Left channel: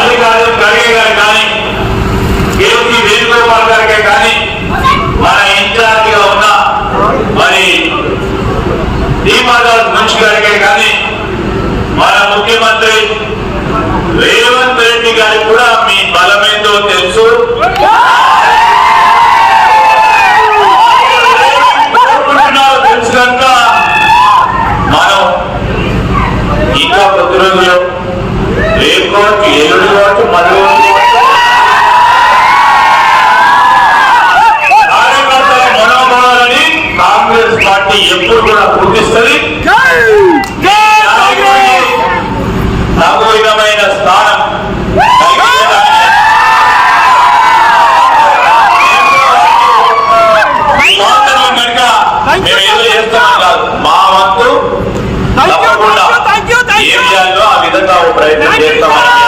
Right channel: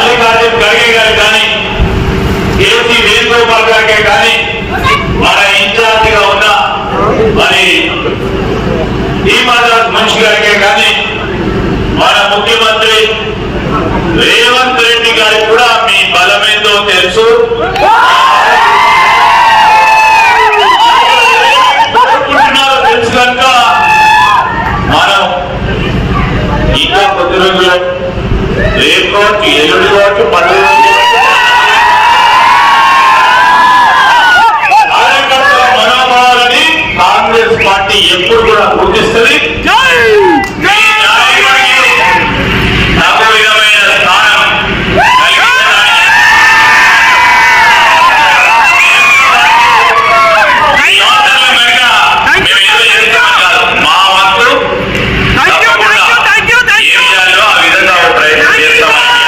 మల్లికార్జున ఖర్గే గారు కానీ కేసీ వేణుగోపాల్ గారికే కానీ మన ఇన్ఛార్జిగా ఉన్న మరి దీపాదాస్ మున్షి గారికే కానీ మన ముఖ్యమంత్రి రేవంత్ రెడ్డి గారికి కూడా మీ బలమేందో తెలుసు. కోరుకుంటున్నారో తెలుసు కనుక మనం ఇంకా కొద్ది రోజులు రేపు కావచ్చు, ఎల్లుండి కావచ్చు, 10 రోజులు కార్యకర్తల మనోభావాలని కాంగ్రెస్ పార్టీ ఎప్పుడు కూడా గుర్తిస్తుంది. నాకు విధమైన స్థానం మా వంతు తప్పకుండా ఏం చేయాలో ఆ విధంగా ప్రయత్నం చేస్తామని